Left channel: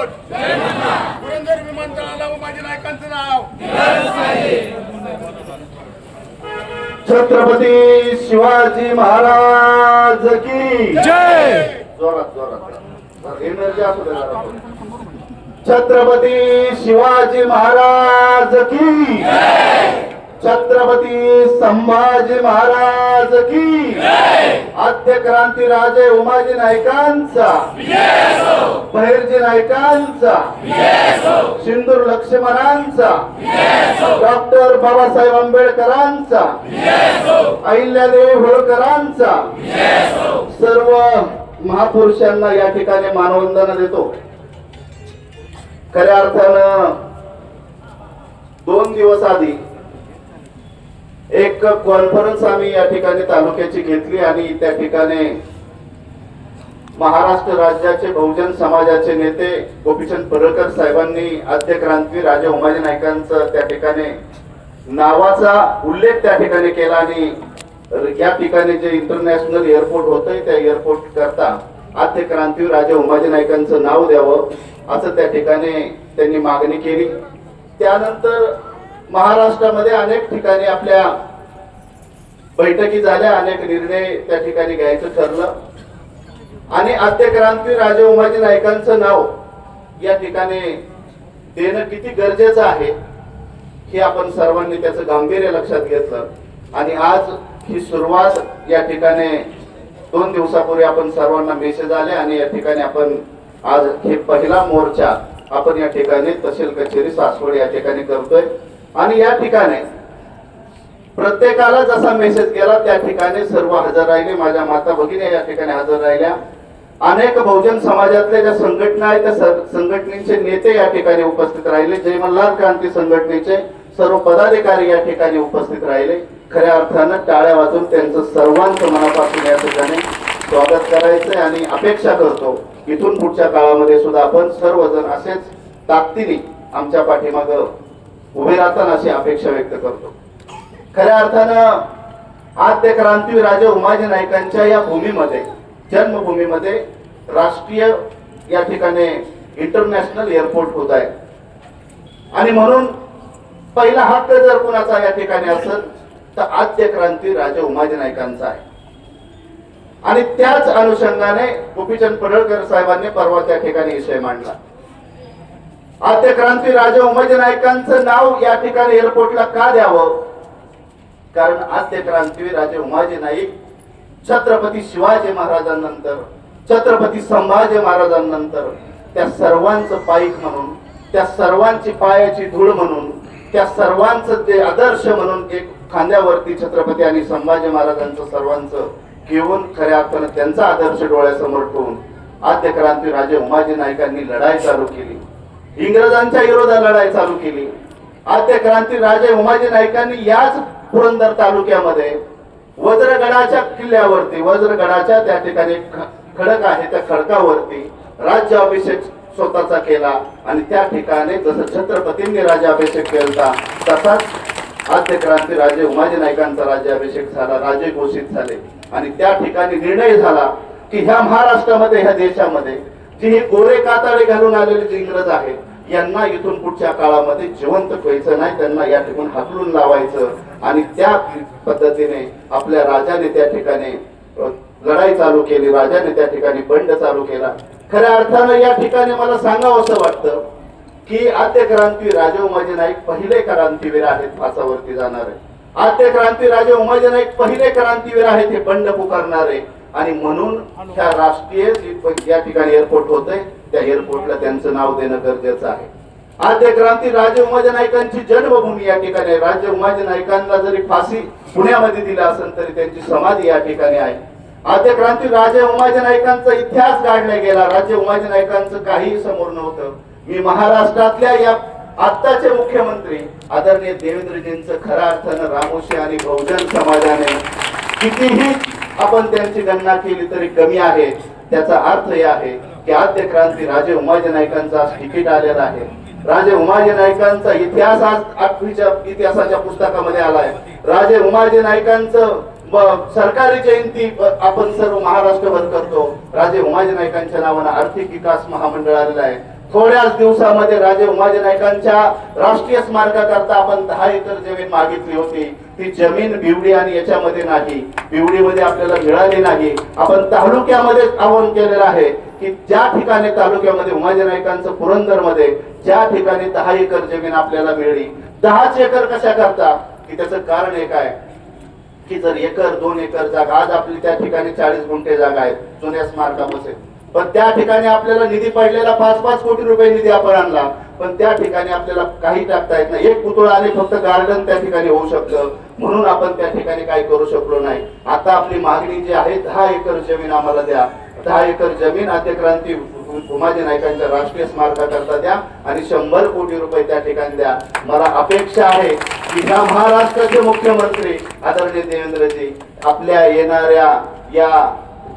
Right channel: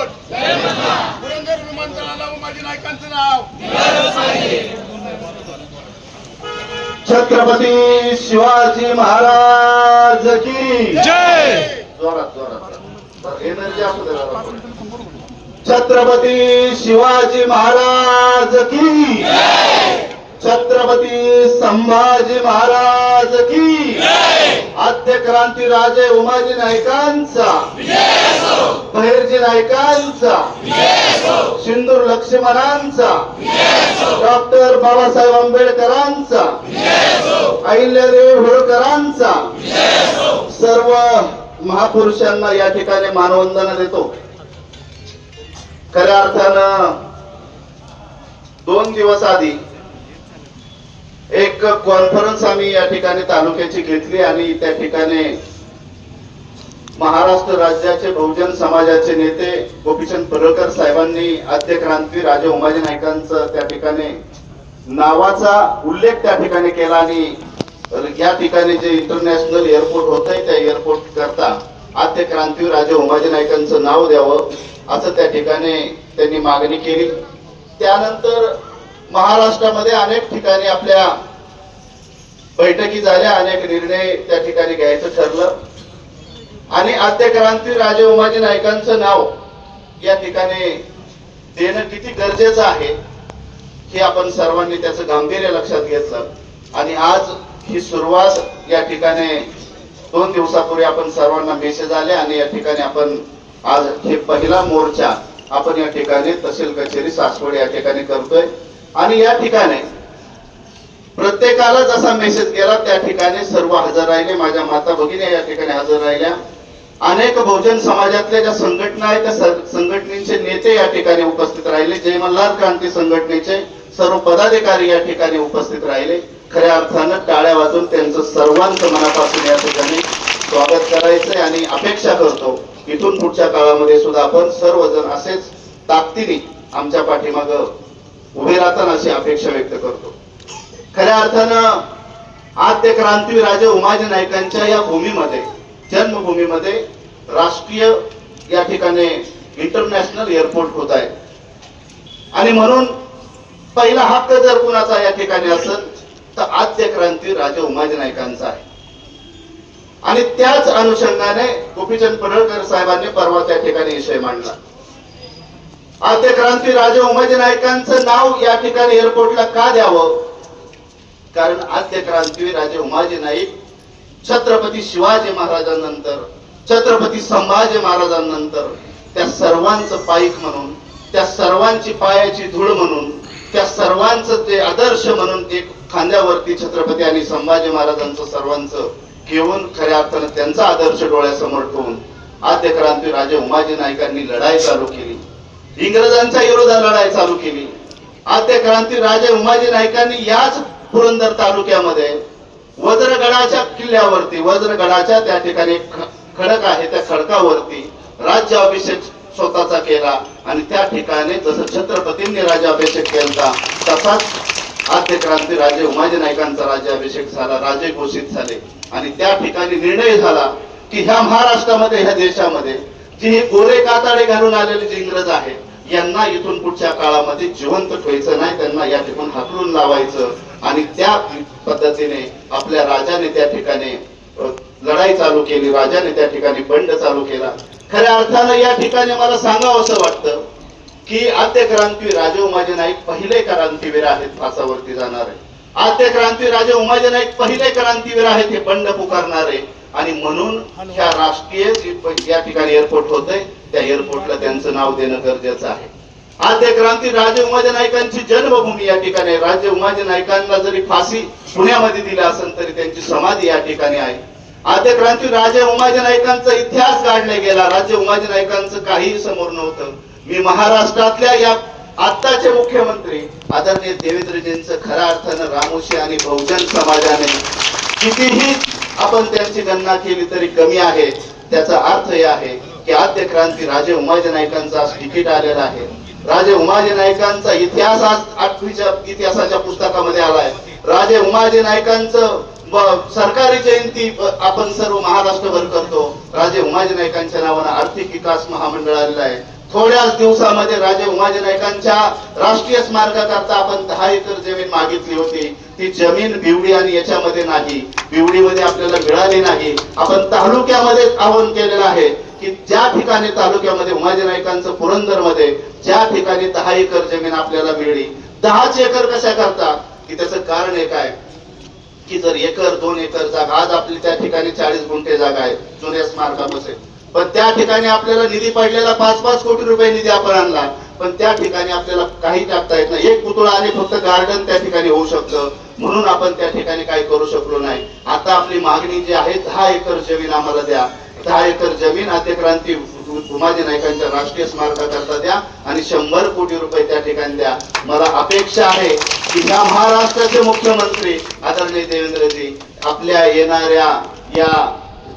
Airport Purandar विमानतळाला उमाजी नायकांचं नाव. छत्रपती शिवाजी महाराज की जय! जोरात जोरात एनर्जी. छत्रपती शिवाजी महाराज की छत्रपती संभाजी महाराज की आद्य क्रांती राजे उमाजी नायकांचा भैरजी नायकांचा सिंदूर लक्ष्मणांचा डॉक्टर बाबासाहेब आंबेडकरांचा अहिल्यादेवी होळकरांचा सर्व महापुरुषांना या ठिकाणी मानवंदना देतो. खऱ्या अर्थानं दोन दिवस आधी एक कॉन्फरन्स आम्ही या ठिकाणी तालुक्याची घेतली आणि त्या ठिकाणी महाराष्ट्र राज्याचे बहुजन समाजाचे नेते गोपीचंद पडळकर साहेबांनी आद्य क्रांती राजा उमाजी नायकांचं त्या ठिकाणी नावाचा उल्लेख त्या ठिकाणी केला आणि या ठिकाणी जे इंटरनॅशनल एअरपोर्ट होतंय त्या एअरपोर्ट करता आद्य क्रांती राजा उमाजी नायकांचं नाव द्यावं असं त्या ठिकाणी त्यांनी मागणी केली. त्यानंतर महाराष्ट्रामध्ये अनेक ठिकाणी आपल्या बैठकी झाल्या अनेक निर्णय त्या ठिकाणी घ्यायचं ठरलं. आणि आद्यक्रांती राजे उमाजी नायकांचं नाव या ठिकाणी देणं किती गरजेचं आहे हे आपण सर्वांनी त्याचं गांभीर्य लक्षात घेतलं. आणि आज ही सुरुवात या ठिकाणी दोन दिवसापूर्वी आपण सर्वांना मेसेज आले आणि या ठिकाणी आपण आज हे पहिला मोर्चा आपण या ठिकाणी तहसील कचेरी सासवड या ठिकाणी करतोय. आणि या ठिकाणी प्रत्येकाला जसा मेसेज केला त्या ठिकाणी सर्व हजर राहिले. माझ्या माता भगिनी या ठिकाणी हजर राहिल्या. अनेक बहुजन समाजातल्या ज्या संघटना आहेत त्या संघटनेचे नेते या ठिकाणी उपस्थित राहिले. जय मल्हार क्रांती संघटनेचे सर्व पदाधिकारी या ठिकाणी उपस्थित राहिले. खऱ्या अर्थानं टाळ्या वाजून त्यांचं सर्वांचं मनापासून या ठिकाणी स्वागत करायचे आणि अपेक्षा करतो. इथून पुढच्या काळामध्ये सुद्धा आपण सर्वजण असेच ताकदीने आमच्या पाठीमाग उभे राहताना अशी अपेक्षा व्यक्त करतो. खऱ्या अर्थानं आद्य क्रांतीवीर राजे उमाजी नायकांच्या या भूमीमध्ये जन्मभूमीमध्ये राष्ट्रीय या ठिकाणी इंटरनॅशनल एअरपोर्ट होत आहे. आणि म्हणून पहिला हक्क जर कुणाचा या ठिकाणी असेल तर आद्य क्रांती राजे उमाजी नायकांचा आहे. आणि त्याच अनुषंगाने गोपीचंद पडळकर साहेबांनी परवा त्या ठिकाणी विषय मांडला. आद्य क्रांती राजे उमाजी नायकांचं नाव या ठिकाणी एअरपोर्टला का द्यावं? कारण आद्य क्रांतीवीर राजे उमाजी नाईक छत्रपती शिवाजी महाराजांनंतर छत्रपती संभाजी महाराजांनंतर त्या सर्वांचं पाईक म्हणून त्या सर्वांची पायाची धूळ म्हणून त्या सर्वांचं ते आदर्श म्हणून ते खांद्यावरती छत्रपती आणि संभाजी महाराजांचं सर्वांचं घेऊन खऱ्या अर्थानं त्यांचा आदर्श डोळ्यासमोर ठेवून आद्य क्रांती राजे उमाजी नाईकांनी लढाई चालू केली. इंग्रजांच्या विरोधात लढाई चालू केली. आद्य क्रांती राजे उमाजी नाईकांनी याच पुरंदर तालुक्यामध्ये वज्रगडाच्या किल्ल्यावरती वज्रगडाच्या त्या ठिकाणी ख- खडक आहे त्या खडकावरती राज्याभिषेक स्वतःचा केला आणि त्या ठिकाणी जसं छत्रपतींनी राज्याभिषेक केला तसाच आद्य क्रांती राजे उमाजी नायकांचा राज्याभिषेक झाला राजे घोषित झाले. आणि त्या ठिकाणी निर्णय झाला की ह्या महाराष्ट्रामध्ये ह्या देशामध्ये जी हे गोरे काताडे घालून आलेले जे इंग्रज आहेत यांना इथून पुढच्या काळामध्ये जिवंत ठेवायचं नाही त्यांना या ठिकाणी हाकलून लावायचं आणि त्या पद्धतीने आपल्या राजाने त्या ठिकाणी लढाई चालू केली राजाने त्या ठिकाणी बंड चालू केला. खऱ्या अर्थानं या ठिकाणी मला सांगावं असं वाटतं की आद्य क्रांती राजे उमाजी नाईक पहिले क्रांतीवीर आहेत फासावरती जाणारे. आद्य क्रांती राजे उमाजी नाईक पहिले क्रांतीवीर आहेत हे बंड पुकारणारे आणि म्हणून ह्या राष्ट्रीय या ठिकाणी एअरपोर्ट होते त्या एअरपोर्टला त्यांचं नाव देणं गरजेचं आहे. आद्य क्रांती राजे उमाजी नायकांची जन्मभूमी या ठिकाणी राजे उमाजी नायकांना जरी फाशी पुण्यामध्ये दिला असेल तरी त्यांची समाधी या ठिकाणी आहे. आद्य क्रांती राजे उमाजी नायकांचा इतिहास काढला गेला. राजे उमाजी नायकांचं काहीही समोर नव्हतं. मी महाराष्ट्रातल्या या आत्ताचे मुख्यमंत्री आदरणीय देवेंद्रजींचं खऱ्या अर्थानं रामोशी आणि बहुजन समाजाने कितीही आपण त्यांची गणना केली तरी कमी आहे. त्याचा अर्थ हे आहे की आद्य क्रांती राजे उमाजी नायकांचा तिकीट आलेला आहे. राजे उमाजी नायकांचा इतिहास आज आठवीच्या इतिहासाच्या पुस्तकामध्ये आलाय. राजे उमाजी नायकांचं सरकारी जयंती आपण सर्व महाराष्ट्रभर करतो. राजे उमाजी नायकांच्या नावानं आर्थिक विकास महामंडळ आलेलं आहे. थोड्याच दिवसामध्ये राजे उमाजी नायकांच्या राष्ट्रीय स्मारकाकरता आपण दहा एकर जमीन मागितली होती. ती जमीन बिवडी आणि याच्यामध्ये नाही. बिवडीमध्ये आपल्याला मिळाली नाही. आपण तालुक्यामध्ये आवाहन केलेलं आहे. की ज्या ठिकाणी तालुक्यामध्ये उमाजी नाईकांचं पुरंदरमध्ये ज्या ठिकाणी दहा एकर जमीन आपल्याला मिळली दहाच एकर कशा करता? की त्याचं कारण एक आहे की जर एकर दोन एकर जागा आज आपली त्या ठिकाणी चाळीस गुंठे जागा आहे जुन्या स्मारकापासून पण त्या ठिकाणी आपल्याला निधी पडलेला पाच पाच कोटी रुपये निधी आपण आणला पण त्या ठिकाणी आपल्याला काही टाकता येत नाही. एक पुतळा आणि फक्त गार्डन त्या ठिकाणी होऊ शकतं. म्हणून आपण त्या ठिकाणी काही करू शकलो नाही. आता आपली मागणी जी आहे दहा एकर जमीन आम्हाला द्या. दहा एकर जमीन आद्यक्रांती उमाजी नायकांच्या राष्ट्रीय स्मारकाकरता द्या आणि शंभर कोटी रुपये त्या ठिकाणी द्या. मला अपेक्षा आहे की ह्या महाराष्ट्राचे मुख्यमंत्री आदरणीय देवेंद्रजी आपल्या येणाऱ्या या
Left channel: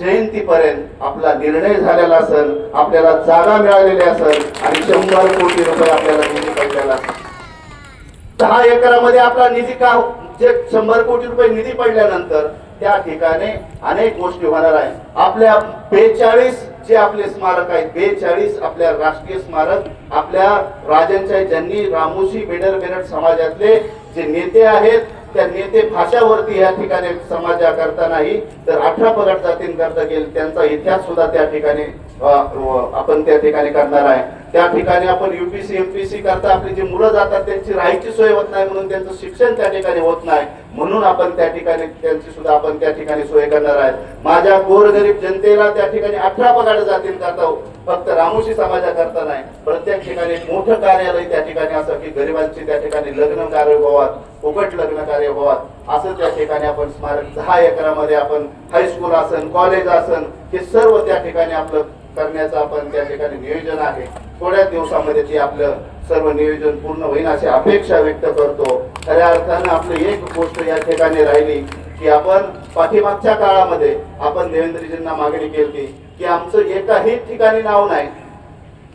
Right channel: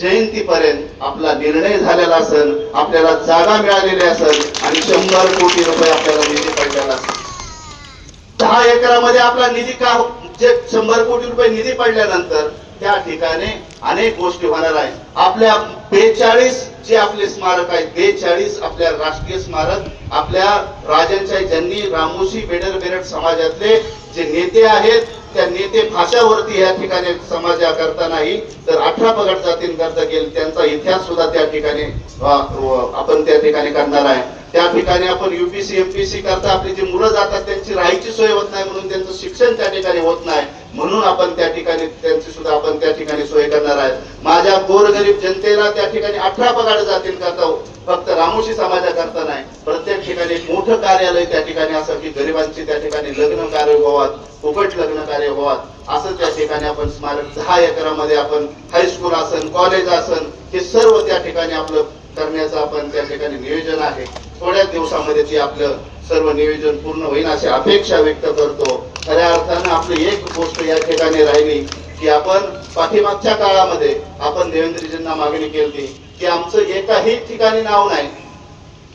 जयंतीपर्यंत आपला निर्णय झालेला असेल आपल्याला जागा मिळालेली असेल आणि शंभर कोटी रुपये आपल्याला निधी पडलेला असेल दहा एकरामध्ये आपला निधी का हो- जे शंभर कोटी रुपये निधी पडल्यानंतर त्या ठिकाणी अनेक गोष्टी होणार आहे आपल्या बेचाळीस जे आपले स्मारक आहेत बेचाळीस आपल्या राष्ट्रीय स्मारक आपल्या राजांच्या ज्यांनी रामोशी बेडर बेरड समाजातले जे नेते आहेत त्या नेते भाषावरती या ठिकाणी समाजाकरता नाही तर अठरा पगड जातींकरता गेल त्यांचा इतिहास सुद्धा त्या ठिकाणी आपण त्या ठिकाणी करणार आहे. त्या ठिकाणी आपण युपीसी एमपीसी करता आपली जी मुलं जातात त्यांची राहायची सोय होत नाही म्हणून त्यांचं शिक्षण त्या ठिकाणी होत नाही. म्हणून आपण त्या ठिकाणी त्यांची सुद्धा आपण त्या ठिकाणी सोय करणार आहे माझ्या गोरगरीब जनतेला त्या ठिकाणी अठरा पगार जातील करता फक्त रामोशी समाजाकरता नाही. प्रत्येक ठिकाणी मोठं कार्यालय त्या ठिकाणी असं की गरिबांची त्या ठिकाणी लग्न कार्य व्हावात फुकट लग्न कार्य व्हावात असं त्या ठिकाणी आपण स्मारक दहा एकरामध्ये आपण हायस्कूल असन कॉलेज असन हे सर्व त्या ठिकाणी आपलं करण्याचं आपण त्या ठिकाणी नियोजन आहे. थोड्याच दिवसामध्ये ते आपलं सर्व नियोजन पूर्ण होईल अशी अपेक्षा व्यक्त करतो. खऱ्या अर्थानं आपली एक गोष्ट या ठिकाणी राहिली की आपण पाठीमागच्या काळामध्ये आपण देवेंद्रजींना मागणी केली की आमचं एकाही ठिकाणी नाव नाही.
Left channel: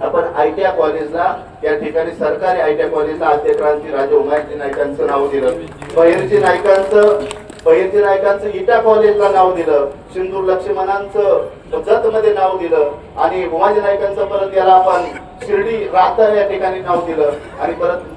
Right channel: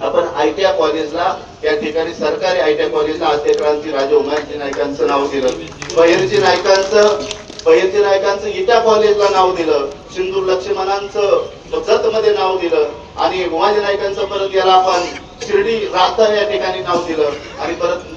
आपण आयटीआय कॉलेजला या ठिकाणी सरकारी आयटीआय कॉलेजला आद्य क्रांती राजा उमाजी नायकांचं नाव दिलं. बहिरजी नायकांचं बहिरजी नायकांचं इटा कॉलेजला नाव दिलं. सिंधू लक्ष्मणांचं जत मध्ये नाव दिलं आणि उमाजी नाईकांचं परत याला आपण शिर्डी राहता या ठिकाणी नाव दिलं आणि परत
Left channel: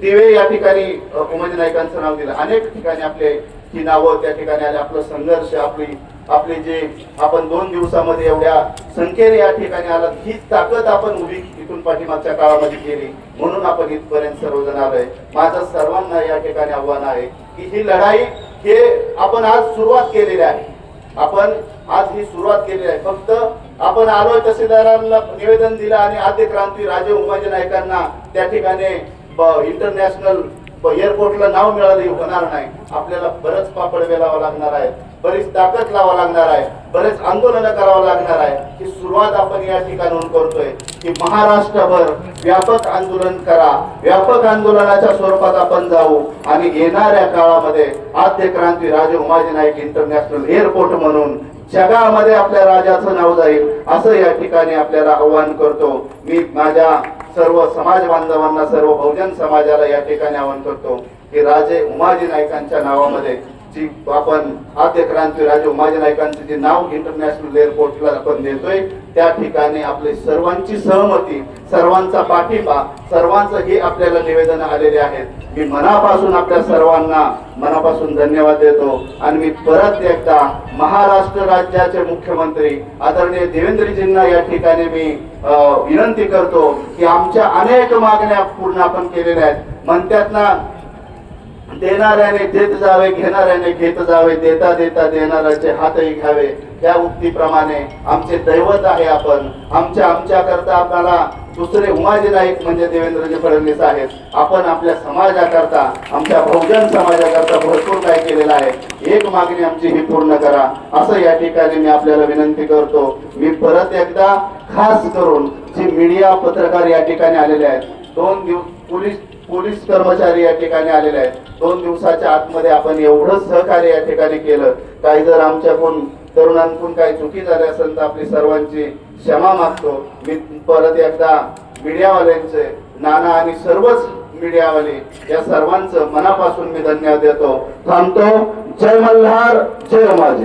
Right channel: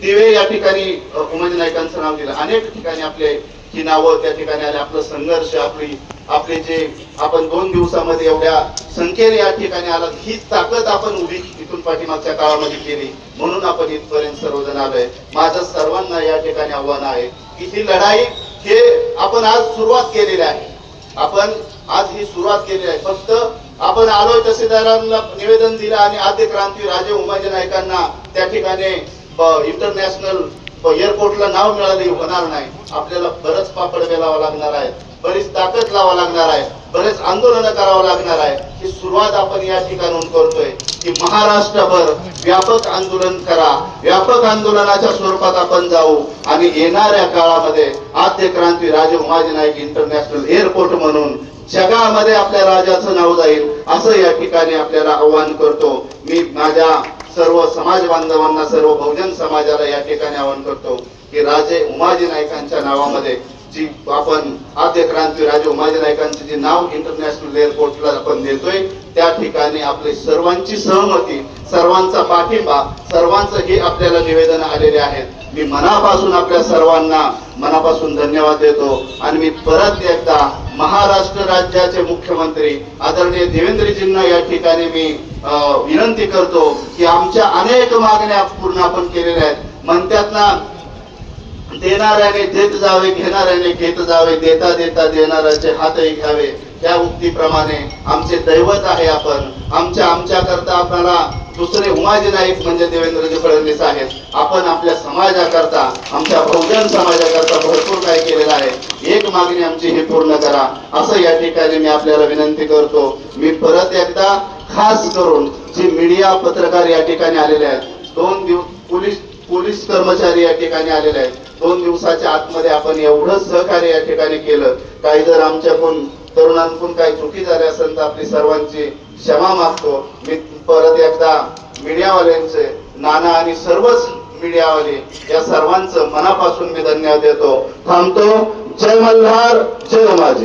दिवे या ठिकाणी उमाजी नायकांचं नाव दिलं. अनेक ठिकाणी आपले ही नावं त्या ठिकाणी आले. आपला संघर्ष आपली आपले जे आपण दोन दिवसामध्ये एवढ्या संख्येने या ठिकाणी आला ही ताकद आपण उभी इथून पाठीमागच्या काळामध्ये केली. म्हणून आपण इथपर्यंत सर्वजण आलोय. माझं सर्वांना या ठिकाणी आव्हान आहे की ही लढाई हे आपण आज सुरुवात केलेली आहे. आपण आज ही सुरुवात केलेली आहे. फक्त आपण आलोय तहसीलदारांना निवेदन दिलं आणि आद्य क्रांती राजे उमाजी नायकांना त्या ठिकाणी इंटरनॅशनल एअरपोर्टला नाव मिळाले होणार नाही. आपल्याला बरंच पापड वेलावा लागणार आहे बरीच ताकद लावा लागणार आहे. बरेच आंदोलन करावं लागणार आहे. ही सुरुवात आपण या ठिकाणून करतोय की महाराष्ट्रभर व्यापक आंदोलन करा. व्यापक आंदोलनाच्या स्वरूपात आपण जाऊ आणि येणाऱ्या काळामध्ये आद्य क्रांती राजे उमाजी नाईक इंटरनॅशनल एअरपोर्ट म्हणून जगामध्ये आपल्या राजाचं नाव जाईल असं या ठिकाणी आपल्याला आव्हान करतो. मी माझ्या सर्व समाज बांधवांना सर्व बहुजन समाजाला या ठिकाणी आवाहन करतो की राजे उमाजी नाईकांच्या नावामध्ये जी आपण आद्य क्रांती राजू माझ्या नायकांचे जे नाव इंटरनॅशनल एअरपोर्टला आपण देतोय त्या ठिकाणी आपली सर्वांची सहमती सर्वांचा पाठिंबा सर्वांचं हे आपल्याला निवेदन आलेले आहेत. मी मनापासून आपल्या सर्वांना मनापासून धन्यवाद देतो आणि मी परत एकदा महाराष्ट्र राज्याचे मुख्यमंत्री आदरणीय देवेंद्रजींना या ठिकाणी मी विनंती करतो की आमच्या अनेक मागण्या पूर्ण आपण केलेल्या आहेत. म्हणतात ना देणाऱ्याने देत जावे घेणाऱ्याने घेत जावे देता देता देणाऱ्याचे हातही घ्यावे. त्या उक्तीप्रमाणे आमचे दैवत आहे आपण. आमच्या आमच्या करता आपल्याला दुसरे उमाजी नाईक म्हणजे देवेंद्रजी फडणवीस आहेत. आपण आपल्या समाजाकरता आमच्या बहुजन समाजाकरता भरपूर काय केलेलं आहे. एक मागणी आमची ही पूर्ण करा. असं या ठिकाणी मी आपल्याला विनंती करतो. मी परत एकदा खास करून जी मीडिया पत्रकार या ठिकाणी आलेले आहेत दोन दिवस पोलीस पोलीस कर्मचारी या ठिकाणी आलेले आहेत दोन दिवसाच्या आतमध्ये आपण एवढं सहकार्य या ठिकाणी केलं. काही जर आमच्याकडून तरुणांकडून काही चुकी झाली असेल तर आपली सर्वांची क्षमा मागतो. मी परत एकदा मीडियावाल्यांचे नाना आणि सर्वच मीडियावाले या सर्वांचं मनापासून मी धन्यवाद देतो. थांबतो. जय मल्हार जय माझी